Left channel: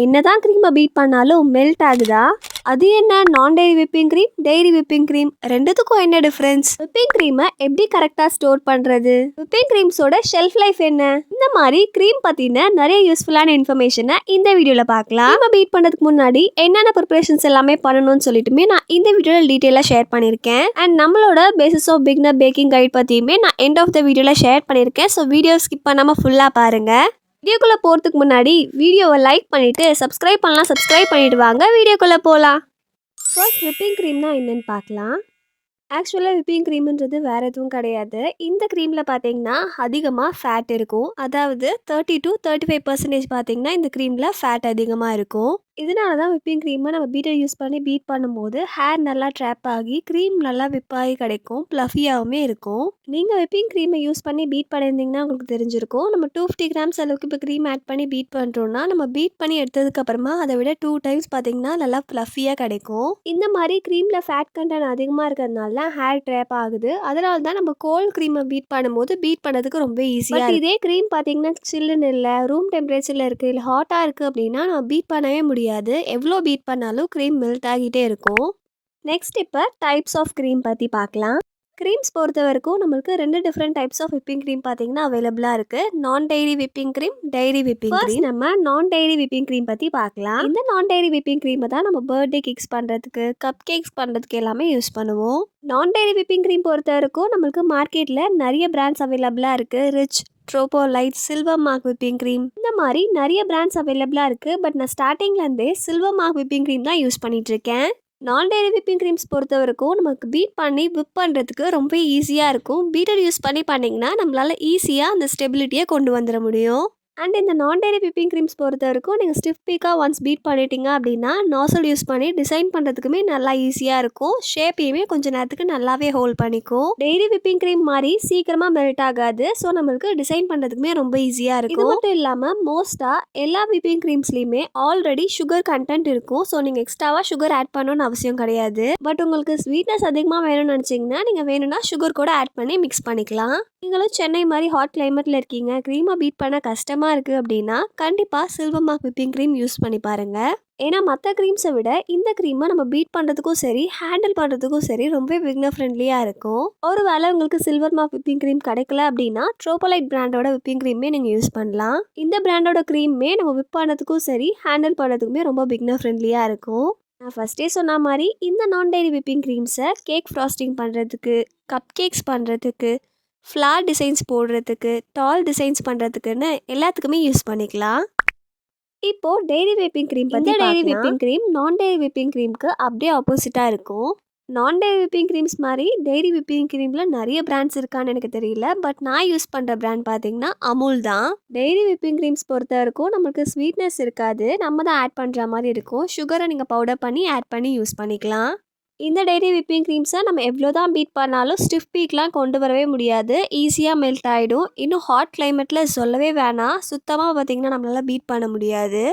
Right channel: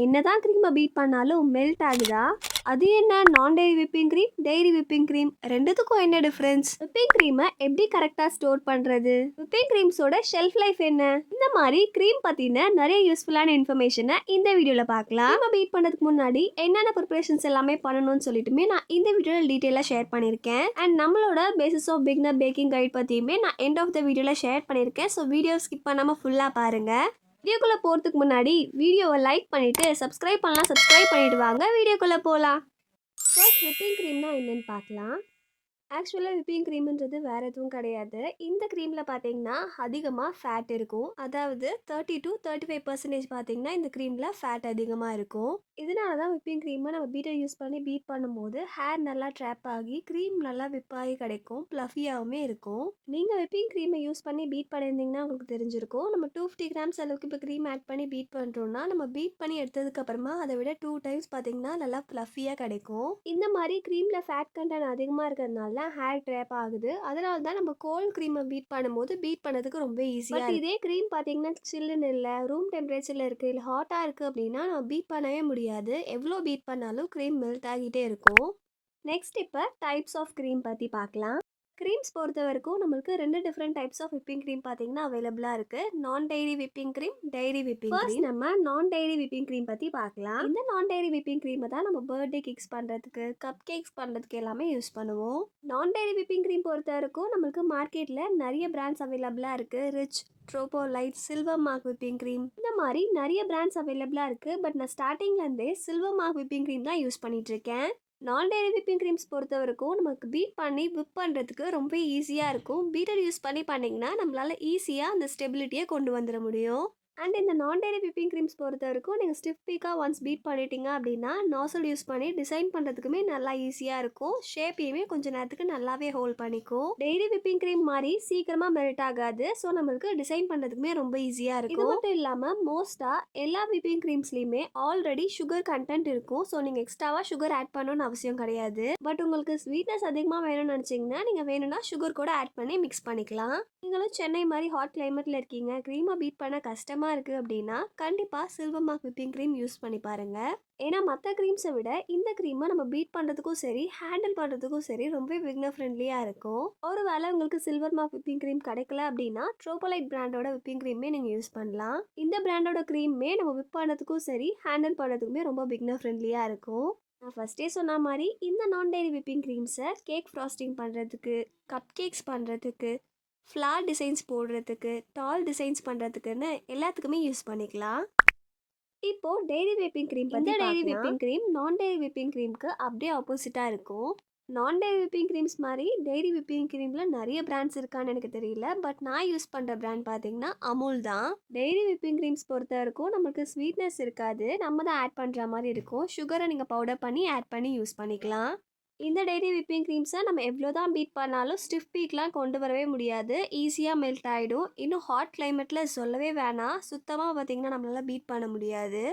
என்னதான் க்ரீமை பீட் பண்ணாலும் மெல்ட் ஆகுதா? அது என்ன நான் dairy whipping cream, dairy whipping cream ரெண்டுத்துக்கும் என்ன டிஃப்ரென்ஸ்? விப்பிங் க்ரீமை எப்படி கரெக்டாக ஸ்டோர் பண்ணுறது? விப்பிங் க்ரீம்ஸோட ஷெல்ஃப் லைஃப் என்ன? இந்த மாதிரி க்ரீம் பற்றின நிறைய யூஸ்ஃபுல்லான இன்ஃபர்மேஷனை இந்த வீடியோவில் பார்க்கலாம். நம்ம பீட் பண்ணுறதுக்கு முன்னாடி என்னென்ன ப்ரிப்பரேஷன்ஸ் எல்லாமே பண்ணணும்னு சொல்லிட்டுமே நான் இந்த வீடியோவில் டீட்டெயிலாக ஷேர் பண்ணியிருக்கேன். அண்ட் நம்மளோட basics of beginner baking guide பற்றியுமே நான் எண்ட் ஆஃப் த வீடியோவில் ஷேர் பண்ணியிருக்கேன். ஸோ வீடியோ ஸ்கிப் பண்ணாமல் ஃபுல்லாக பாருங்கள். வீடியோக்குள்ளே போகிறதுக்கு முன்னாடி வீடியோவை லைக் பண்ணிவிட்டு சப்ஸ்கிரைப் பண்ணிவிட்டு வாங்க வீடியோக்குள்ளே போகலாம். ஃபர்ஸ்ட் விப்பிங் க்ரீம்னா என்னென்னு பார்க்கலாம். ஆக்சுவலாக விப்பிங் க்ரீம்ன்றது வேறு எதுவும் கிடையாது. இந்த க்ரீமில் பார்த்தீங்கன்னா அதிகமாக ஃபேட் இருக்கும். அதாவது 30 to 35% பார்த்தீங்கன்னா இந்த க்ரீமில் ஃபேட் அதிகமாக இருக்கும். இதனால தான் விப்பிங் க்ரீமை நம்ம பீட்டர் யூஸ் பண்ணி பீட் பண்ணும்போது ஹேர் நல்லா ட்ராப் ஆகி க்ரீம் நல்லா விப்பாகி கிடைக்கும், ப்ளஃபியாகவுமே இருக்கும். நீங்கள் விப்பிங் க்ரீமை யூஸ் பண்ணி பீட் பண்ணியிருந்தீங்கன்னா உங்களுக்கு தெரிஞ்சிருக்கும். நம்ம 250 கிராம்ஸ் அளவுக்கு இப்போ க்ரீம் ஆட் பண்ணி பீட் பண்ணுறோன்னா நம்ம பீட் பண்ணி எடுத்ததுக்கப்புறமா அதை விட 2 டைம்ஸ் பார்த்தீங்கன்னா நல்லா ப்ளஃபியாக கிடைக்கும். இந்த மாதிரி க்ரீமில் ஃபேட் கண்டென்ட் அதிகமாக இருக்கிறதுனால ஹேர் ட்ராப் ஆகுது. அதனால தான் நம்ம கோல்ட் க்ரீமை பீட் பண்ணும்போது பீட் பண்ணதுக்கு ரொம்ப ஈஸியாக. இதே க்ரீம் பார்த்தீங்கன்னா சில்லுன்னு இல்லை, ரூம் டெம்பரேச்சரில் இருக்குது, இல்லை ஹாட்டாக இருக்குது அப்படின்னா நம்ம பீட் பண்ணவே முடியாது. எவ்வளோ பீட் பண்ணாலும் க்ரீம் மெல்ட் ஆகிட்டே இருக்கும். நெக்ஸ்ட் இப்போ டைப்ஸ் ஆஃப் க்ரீம் பற்றி பார்க்கலாம். க்ரீம்ஸ் பொறுத்த வரைக்கும் நம்மளுக்கு 2 different types of whipping cream பார்த்தீங்கன்னா அவைலபிளாக இருக்குது. Non dairy whipping cream, dairy whipping cream. நம்ம நான் டெய்ரி விப்பிங் க்ரீம் பற்றி பார்க்கலாம். இந்த நான் டெய்ரி விப்பிங் க்ரீமை தான் நம்ம பர்த்டே கேக்ஸ் பண்ணுறதுக்கு, கப் கேக்ஸ் பண்ணுறதுக்கு எல்லாமே யூஸ் பண்ணுவோம். நான் டெய்ரி விப்பிங் க்ரீம் பொறுத்த வரைக்கும் நம்மளுக்கு மார்க்கெட்டில் நிறைய பிராண்ட்ஸ் அவைலபிளாக இருக்குது. Rich, Tropolite, silver mark whipping cream, இந்த மாதிரி நிறைய பிராண்ட்ஸ் அவைலபிளாக இருக்குது. பட் நான் ஸ்டார்டிங்லேருந்தே சில்வர் மார்க் விப்பிங் க்ரீம் தான் யூஸ் பண்ணிகிட்ருக்கேன். நான் டெய்ரி விப்பிங் க்ரீம்ஸ் பொறுத்த வரைக்கும் நமக்கு பீட் பண்ணி விப் பண்ணுறதுக்கு ரொம்ப ஈஸியாக இருக்கும். பீட்டர் யூஸ் பண்ணி பண்ணிங்கன்னா நம்மளால் ஈஸியாக அந்த ஸ்டெபிலிட்டியை கொண்டு வந்துட முடியும். அண்ட் இந்த நான் டெய்ரி விப்பிங் க்ரீம்ஸ் பொறுத்த வரைக்கும் நீங்கள் ஸ்டிஃப் பீக்காக ஒன்ஸ் பீட் பண்ணிட்டீங்க அப்படின்னா நாசல் யூஸ் பண்ணி டிசைன் பண்ணுறதுக்குமே நல்லா ஈஸியாக இருக்கும். ஷேப்பையுமே கொஞ்சம் நேரத்துக்கு நல்லாவே ஹோல்ட் பண்ணிக்கும். டெய்ரி விப்பிங் க்ரீம் மாதிரி சீக்கிரமாக மெல்ட் ஆகாது. ஸோ நம்மளுக்கு டிசைன் பண்ணுறதுக்குமே ரொம்ப ஈஸியாக இருக்கும். இது மட்டும் இல்லாமல் மோஸ்ட்டாக எல்லா விப்பிங் க்ரீம்ஸ்லேயுமே ஆல்ரெடி சுகர் கண்டென்ட் இருக்கும். ஸோ நீங்கள் எக்ஸ்ட்ராவாக சுகர் ஆட் பண்ணணும்னு அவசியம் கிடையாது. பட் உங்களுக்கு ஸ்வீட்னஸ் அதிகமாக வேணும்னு நினச்சிங்கன்னா நீங்கள் வேணும்னா சுகர் கூட ஆட் பண்ணி மிக்ஸ் பண்ணிக்கலாம். நீங்களும் சென்னை மாதிரி ஹாட் கிளைமேட்டில் இருக்கீங்க, க்ரீமை பீட் பண்ண கஷ்டமாக இருக்குது அப்படின்னா கண்டிப்பாக silver mark whipping cream use பண்ணி பாருங்கள். ஏன்னா மற்ற க்ரீம்ஸை விட இந்த க்ரீமை நம்ம பீட் பண்ணுறதுக்கும் சரி, ஹேண்டில் பண்ணுறதுக்கும் சரி ரொம்ப பிகினர் ஃப்ரெண்ட்லியாக இருக்கும். ஒரு வேளை உங்களுக்கு சில்வர் மார்க் விப்பிங் க்ரீம் கிடைக்கல அப்படின்னா ட்ரோபோலைட் பிராண்டோட விப்பிங் க்ரீமே நீங்கள் யூஸ் பண்ணலாம். இந்த பிராண்டோட க்ரீமே நம்ம விப் பண்ணுறதுக்கும் சரி, ஹேண்டில் பண்ணுறதுக்குமே ரொம்ப பிகினர் ஃப்ரெண்ட்லியாக இருக்கும். நான் ஃபஸ்ட்டே சொன்ன மாதிரி இந்த நான் டெய்ரி விப்பிங் க்ரீம்ஸை கேக் ஃப்ராஸ்டிங் பண்ணுறதுக்கு, கப் கேக்ஸ் பண்ணுறதுக்கு, ஃப்ளார் டிசைன்ஸ் போடுறதுக்கு, டால் டிசைன்ஸ் பண்ணுறதுக்குன்னு எல்லாத்துக்குமே யூஸ் பண்ணிக்கலாம். இப்போது டெய்ரி விப்பிங் க்ரீம் பற்றி டெய்ரி விப்பிங் க்ரீம் நான் டெய்ரி விப்பிங் க்ரீமுக்கு அப்படியே ஆப்போசிட்டாக இருக்கும். நான் டெய்ரி விப்பிங் க்ரீம்ஸ் மாதிரி டெய்ரி விப்பிங் க்ரீமில் நிறைய பிராண்ட்ஸ் இருக்கான்னு எனக்கு தெரியல. பட் நான் யூஸ் பண்ணுற பிராண்ட் பார்த்தீங்கன்னா அமுல் தான். டெய்ரி விப்பிங் க்ரீம்ஸ் பொறுத்த வரைக்கும் நமக்கு ஸ்வீட்னஸ் இருக்காது, நம்ம தான் ஆட் பண்ணுற மாதிரி இருக்கும். சுகரை நீங்கள் பவுடர் பண்ணி ஆட் பண்ணி யூஸ் பண்ணிக்கலாம். இந்த டெய்ரி விப்பிங் க்ரீம்ஸை நம்ம எவ்வளோ தான் பீட் பண்ணாலும் ஸ்டிஃப் பீக்லாம் கொண்டு வரவே முடியாது. ஈஸியாக மெல்ட் ஆகிடும். இன்னும் ஹாட் கிளைமேட்டில் சொல்லவே வேணாம், சுத்தமாக பார்த்திங்கன்னா நம்மளால் பீட் பண்ண முடியாது.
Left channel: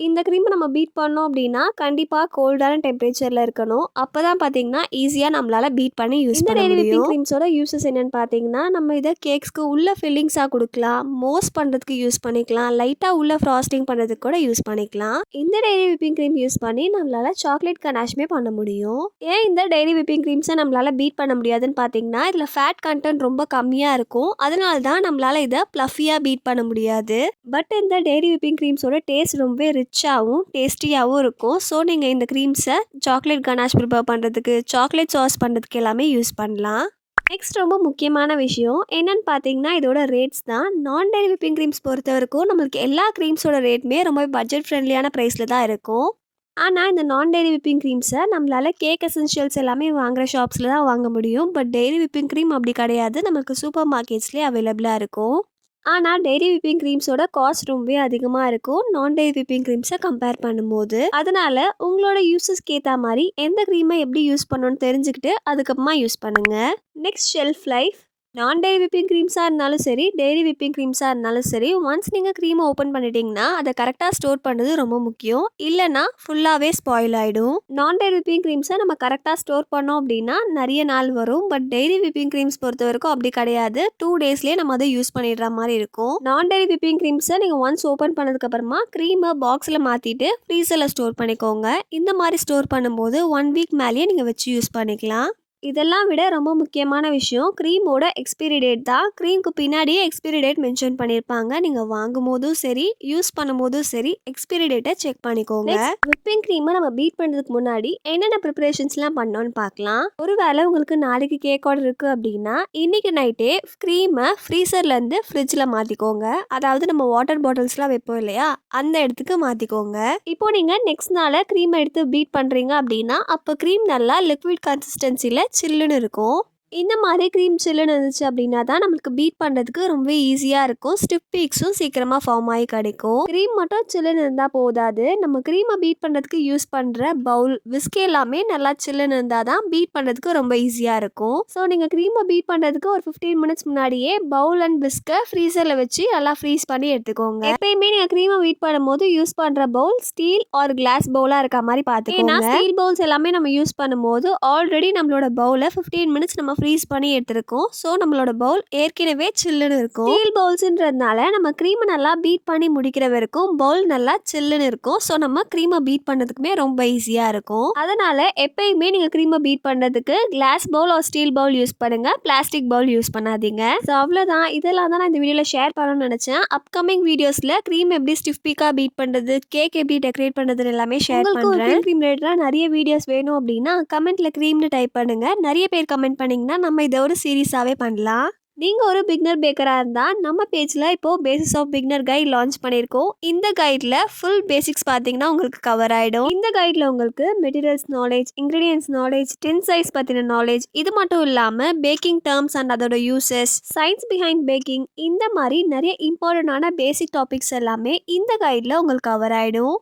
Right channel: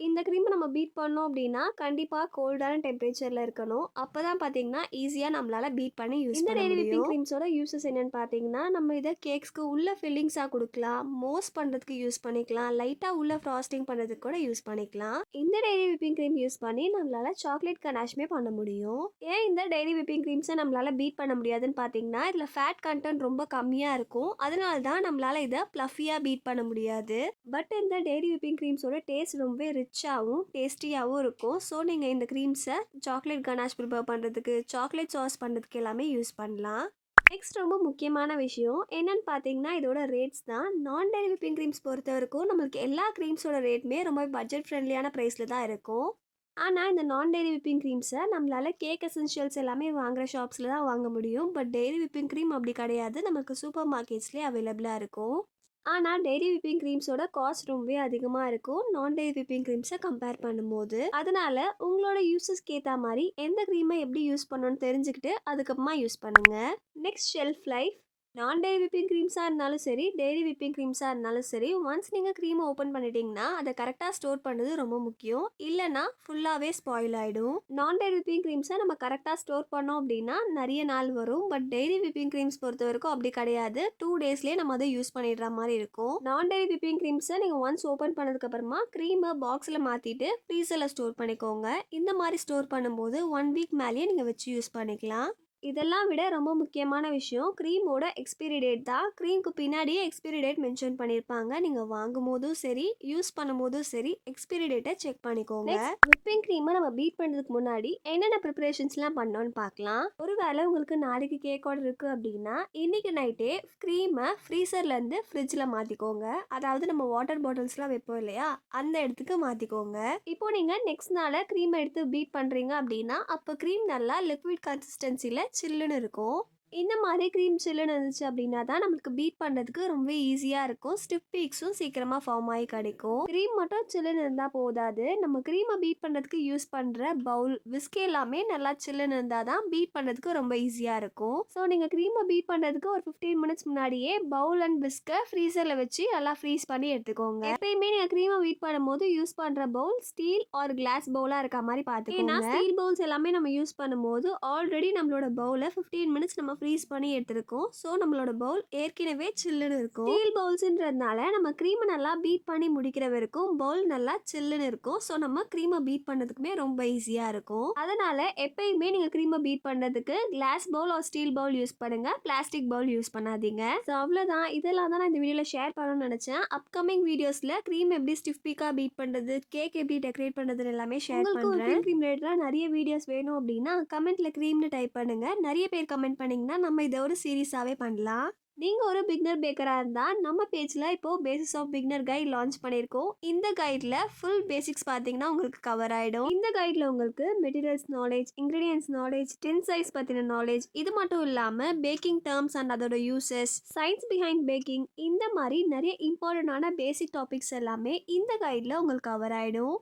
இந்த க்ரீமை நம்ம பீட் பண்ணோம் அப்படின்னா கண்டிப்பாக கோல்டான டெம்பரேச்சரில் இருக்கணும். அப்போ தான் பார்த்தீங்கன்னா ஈஸியாக நம்மளால் பீட் பண்ணி யூஸ் பண்ண முடியும். இந்த டெய்ரி விப்பிங் க்ரீம்ஸோட யூஸஸ் என்னென்னு பார்த்தீங்கன்னா நம்ம இதை கேக்ஸ்க்கு உள்ள ஃபில்லிங்ஸாக கொடுக்கலாம், மோஸ் பண்ணுறதுக்கு யூஸ் பண்ணிக்கலாம், லைட்டாக உள்ள ஃப்ராஸ்டிங் பண்ணுறதுக்கு கூட யூஸ் பண்ணிக்கலாம். இந்த டெய்ரி விப்பிங் க்ரீம் யூஸ் பண்ணி நம்மளால் சாக்லேட் கனாஷ்மே பண்ண முடியும். ஏன் இந்த டெய்ரி விப்பிங் க்ரீம்ஸை நம்மளால் பீட் பண்ண முடியாதுன்னு பார்த்தீங்கன்னா இதில் ஃபேட் கண்டென்ட் ரொம்ப கம்மியாக இருக்கும். அதனால தான் நம்மளால் இதை ப்ளஃபியாக பீட் பண்ண முடியாது. பட் இந்த டெய்ரி விப்பிங் க்ரீம்ஸோட டேஸ்ட் ரொம்ப ரிச்சாகவும் டேஸ்டியாகவும் இருக்கும். ஸோ நீங்கள் இந்த க்ரீம்ஸை சாக்லேட் கனாஷ் ப்ரிப்பேர் பண்ணுறதுக்கு, சாக்லேட் சாஸ் பண்ணுறதுக்கு எல்லாமே யூஸ் பண்ணலாம். நெக்ஸ்ட் ரொம்ப முக்கியமான விஷயம் என்னென்னு பார்த்தீங்கன்னா இதோட ரேட்ஸ் தான். நான் டெய்ரி விப்பிங் க்ரீம்ஸ் பொறுத்த வரைக்கும் நம்மளுக்கு எல்லா க்ரீம்ஸோட ரேட்டுமே ரொம்ப பட்ஜெட் ஃப்ரெண்ட்லியான ப்ரைஸில் தான் இருக்கும். ஆனால் இந்த நான் டெய்ரி விப்பிங் க்ரீம்ஸை நம்மளால் கேக் எசென்ஷியல்ஸ் எல்லாமே வாங்குகிற ஷாப்ஸில் தான் வாங்க முடியும். பட் டெய்ரி விப்பிங் க்ரீம் அப்படி கிடையாது, நமக்கு சூப்பர் மார்க்கெட்ஸ்லேயே அவைலபிளாக இருக்கும். ஆனால் டெய்ரி விப்பிங் க்ரீம்ஸோட காஸ்ட் ரொம்பவே அதிகமாக இருக்கும் நான் டெய்ரி விப்பிங் க்ரீம்ஸை கம்பேர் பண்ணும்போது. அதனால் உங்களோட யூஸஸ்க்கு ஏற்ற மாதிரி எந்த க்ரீமை எப்படி யூஸ் பண்ணணும்னு தெரிஞ்சுக்கிட்டு அதுக்கப்புறமா யூஸ் பண்ணுங்கள். Next shelf life. நான் டெய்ரி விப்பிங் க்ரீம்ஸாக இருந்தாலும் சரி, டெய்ரி விப்பிங் க்ரீம்ஸாக இருந்தாலும் சரி, ஒன்ஸ் நீங்கள் க்ரீமை ஓப்பன் பண்ணிட்டீங்கன்னா அதை கரெக்டாக ஸ்டோர் பண்ணுறது ரொம்ப முக்கியம். இல்லைன்னா ஃபுல்லாகவே ஸ்பாயில் ஆகிடும். நான் டெய்ரி விப்பிங் க்ரீம்ஸை நம்ம கரெக்டாக ஸ்டோர் பண்ணோம் அப்படின்னா நிறைய நாள் வரும். பட் டெய்ரி விப்பிங் க்ரீம்ஸ் பொறுத்த வரைக்கும் அப்படி கிடையாது. 2 டேஸ்லேயே நம்ம அதை யூஸ் பண்ணிடுற மாதிரி இருக்கும். நான் டெய்ரி விப்பிங் க்ரீம்ஸை நீங்கள் ஒன்ஸ் ஓப்பன் பண்ணதுக்கப்புறமா க்ரீமை பாக்ஸில் மாற்றிட்டு ஃப்ரீசரில் ஸ்டோர் பண்ணிக்கோங்க. இந்த மாதிரி ஸ்டோர் பண்ணும்போது 1 வீக் மேலேயே நீங்கள் வச்சு யூஸ் பண்ணிக்கலாம். இதெல்லாம் விட ரொம்ப முக்கியமான விஷயம் க்ரீமோட எக்ஸ்பைரி டேட் தான். க்ரீமுக்கு பின்னாடியே எக்ஸ்பைரி டேட் மென்ஷன் பண்ணியிருப்பாங்க. நீங்கள் வாங்கும் போதும் சரி, யூஸ் பண்ணும்போதும் சரி, எக்ஸ்பைரி டேட்டை செக் பண்ணிக்கோங்க. விப்பிங் க்ரீமை நம்ம பீட் பண்ணுறதுக்கு முன்னாடி என்னென்ன ப்ரிப்பரேஷன்ஸ்லாம் பண்ணோன்னு பார்க்கலாம். ஒருவேளை உங்களுக்கு நாளைக்கு கேக் ஆர்டர் இருக்குது அப்படின்னா இன்னைக்கு நைட்டே க்ரீமை ஃப்ரீசர்லேருந்து ஃப்ரிட்ஜில் மாற்றிக்கோங்க. அதாவது நம்ம வாட்டர் பாட்டில்ஸ்லாம் வைப்போம் இல்லையா, அந்த இடத்துக்கு மாற்றிக்கோங்க. இப்போ நீங்கள் நெக்ஸ்ட் நாளை க்ரீமை எடுத்து பீட் பண்ணுறீங்க அப்படின்னா அப்போ க்ரீம் நல்லா லிக்விட் கன்சிஸ்டன்சியில் சில்லுன்னு இருக்கும். இந்த மாதிரி க்ரீம் சில்லுன்னு இருந்துச்சு அப்படின்னா தான் நம்மளுக்கு பீட் பண்ணுறதுக்கு ரொம்ப ஈஸியாக இருக்கும். ஸ்டிஃப் பீக்ஸும் சீக்கிரமாக ஃபார்ம் ஆகி கிடைக்கும். க்ரீம் மட்டும் சில்லுன்னு இருந்தால் போதாது, நம்ம க்ரீமை பீட் பண்ணுறதுக்கு யூஸ் பண்ணுற பவுல், விஸ்க் எல்லாமே நல்லா சில்லுன்னு இருந்தால் தான் பீட் பண்ணுறதுக்கு ரொம்ப ஈஸியாக இருக்கும். ஸோ நீங்கள் க்ரீமை பீட் பண்ணுறதுக்கு ஒரு 15 மினிட்ஸ் முன்னாடியே பவுல் அண்ட் விஸ்கை ஃப்ரீசரில் வச்சு நல்லா ஃப்ரீஸ் பண்ணி எடுத்துக்கோங்க. எப்பயுமே நீங்கள் க்ரீமை பீட் பண்ணும்போது யூஸ் பண்ணுற பவுல் ஸ்டீல் ஆர் கிளாஸ் பவுலாக இருக்க மாதிரி பார்த்துக்கோங்க. ஸ்டீல் பவுல்ஸ் எல்லாமே நம்ம யூஸ் பண்ணும்போது ஆல்ரெடி நம்மளோட பவுலை 15 மினிட்ஸ் நம்ம ஃப்ரீஸ் பண்ணி எடுத்துருக்கோம். ஸோ நம்மளோட பவுல் ஏற்கனவே சில்லுன்னு இருக்கும். ஸ்டீல் பவுல்ஸ்ன்றதுனால நம்ம க்ரீமை நல்லா பீட் பண்ணி முடிக்கிற வரைக்கும் பவுல் நல்லா சில்லுன்னு இருக்கும். ஸோ நம்ம க்ரீமை பீட் பண்ணுறதுக்குமே ரொம்ப ஈஸியாக இருக்கும். அதனால எப்பயுமே நீங்கள் க்ரீமை பீட் பண்ணுறதுக்கு glass bowl or steel bowl use பண்ணுங்க, பிளாஸ்டிக் பவுல் யூஸ் பண்ணாதீங்க. ஸோ அவ்வளோதான். இதெல்லாம் தான் நான் இந்த வீடியோவில் ஷேர் பண்ணணும்னு நினச்சேன். அப்கமிங் வீடியோஸில் க்ரீம் எப்படி ஸ்டிஃப் பீக்காக பீட் பண்ணுறது, கேக் எப்படி டெக்கரேட் பண்ணுறதுன்னு எல்லாமே ஷேர் பண்ணுறேன். க்ரீம் ரிலேட்டடாக நிறைய வீடியோஸ் வேணும் அப்படின்னா கமெண்ட்டில் க்ரீம்னு டைப் பண்ணுங்க. நிறைய பேர் கமெண்ட் பண்ணிங்கன்னா நம்ம இதை ஒரு சீரீஸாகவே பண்ணலாம். நீங்கள் ஒரு பிகினர் பேக்கராக இருந்தால் நம்ம பேஜில் இப்போது basis of beginner guide launch பண்ணியிருக்கோம். இந்த கைடில் ஃபுல் பேசிக்ஸ் பார்த்தீங்கன்னா உங்களுக்கு கவர் ஆகிடும். இந்த கைடில் உங்களுக்கு மெட்டீரியல்ஸ் நாலேஜ், இன்க்ரீடியன்ஸ் நாலேஜ், டின் சைஸ் பற்றின நாலேஜ், இது மட்டும் இல்லாமல் பேக்கிங் டேர்ம்ஸ் அண்ட் அதோட யூசஸ், சயின்ஸ் பிஹைண்ட் பேக்கிங், இந்த மாதிரி நிறைய இம்பார்ட்டண்டான பேசிக் டாபிக்ஸ் எல்லாமே இந்த கைடில் உங்களுக்கு கவர் ஆகிடும்.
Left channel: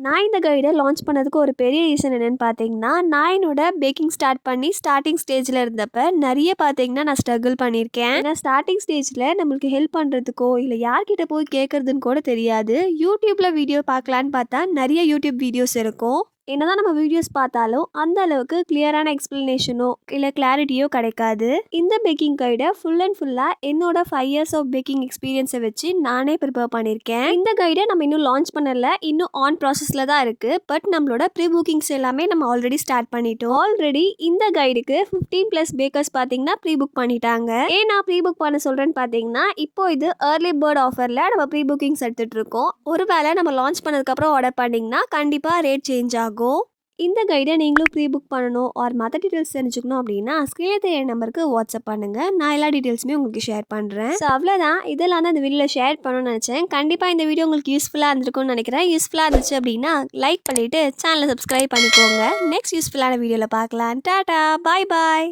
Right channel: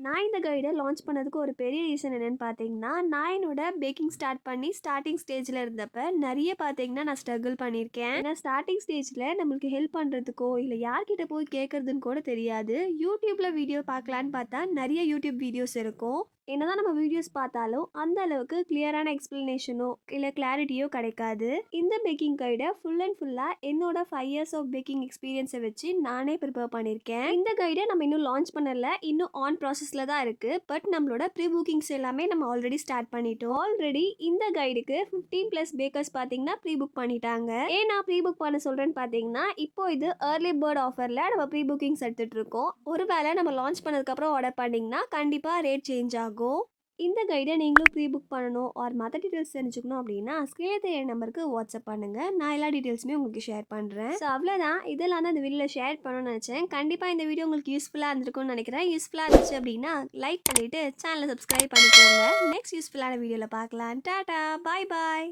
நான் இந்த கைடை லான்ச் பண்ணதுக்கு ஒரு பெரிய ரீசன் என்னென்னு பார்த்தீங்கன்னா, நான் என்னோட பேக்கிங் ஸ்டார்ட் பண்ணி ஸ்டார்டிங் ஸ்டேஜில் இருந்தப்போ நிறைய பார்த்தீங்கன்னா நான் ஸ்ட்ரகிள் பண்ணியிருக்கேன். ஏன்னா ஸ்டார்டிங் ஸ்டேஜில் நம்மளுக்கு ஹெல்ப் பண்ணுறதுக்கோ இல்லை யார்கிட்ட போய் கேட்குறதுன்னு கூட தெரியாது. யூடியூப்பில் வீடியோ பார்க்கலான்னு பார்த்தா நிறைய யூடியூப் வீடியோஸ் இருக்கும். என்னதான் நம்ம வீடியோஸ் பார்த்தாலும் அந்த அளவுக்கு கிளியரான எக்ஸ்பிளனேஷனோ இல்லை கிளாரிட்டியோ கிடைக்காது. இந்த பேக்கிங் கைடை ஃபுல் அண்ட் ஃபுல்லாக என்னோட 5 இயர்ஸ் ஆஃப் பேக்கிங் எக்ஸ்பீரியன்ஸை வச்சு நானே ப்ரிப்பேர் பண்ணியிருக்கேன். இந்த கைடை நம்ம இன்னும் லான்ச் பண்ணல, இன்னும் ஆன் ப்ராசஸில் தான் இருக்குது. பட் நம்மளோட ப்ரீ புக்கிங்ஸ் எல்லாமே நம்ம ஆல்ரெடி ஸ்டார்ட் பண்ணிட்டோம். ஆல்ரெடி இந்த கைடுக்கு 15+ பேக்கர்ஸ் பார்த்தீங்கன்னா ப்ரீ புக் பண்ணிட்டாங்க. ஏன் நான் ப்ரீ புக் பண்ண சொல்கிறேன்னு பார்த்தீங்கன்னா, இப்போ இது ஏர்லி பேர்ட் ஆஃபரில் நம்ம ப்ரீ புக்கிங்ஸ் எடுத்துகிட்டு இருக்கோம். ஒருவேளை நம்ம லான்ச் பண்ணதுக்கப்புறம் ஆர்டர் பண்ணிங்கன்னா கண்டிப்பாக ரேட் சேஞ்ச் ஆகும். இந்த கைடை நீங்களும் ப்ரீ புக் பண்ணணும் ஆர் மற்ற டீட்டெயில்ஸ் தெரிஞ்சுக்கணும் அப்படின்னா ஸ்க்ரீனில் தெரிய நம்பருக்கு வாட்ஸ்அப் பண்ணுங்கள். நான் எல்லா டீட்டெயில்ஸுமே உங்களுக்கு ஷேர் பண்ணுறேன். ஸோ அவ்வளோதான். இதெல்லாம் தான் இந்த வீடியோவில் ஷேர் பண்ணணும்னு நினச்சேன். கண்டிப்பாக இந்த வீடியோ உங்களுக்கு யூஸ்ஃபுல்லாக இருந்திருக்கும்னு நினைக்கிறேன். யூஸ்ஃபுல்லாக இருந்துச்சு அப்படின்னா லைக் பண்ணிவிட்டு சேனலை சப்ஸ்கிரைப் பண்ணிக்கோங்க. நெக்ஸ்ட் யூஸ்ஃபுல்லான வீடியோவில் பார்க்கலாம். டாடா, பாய் பாய்.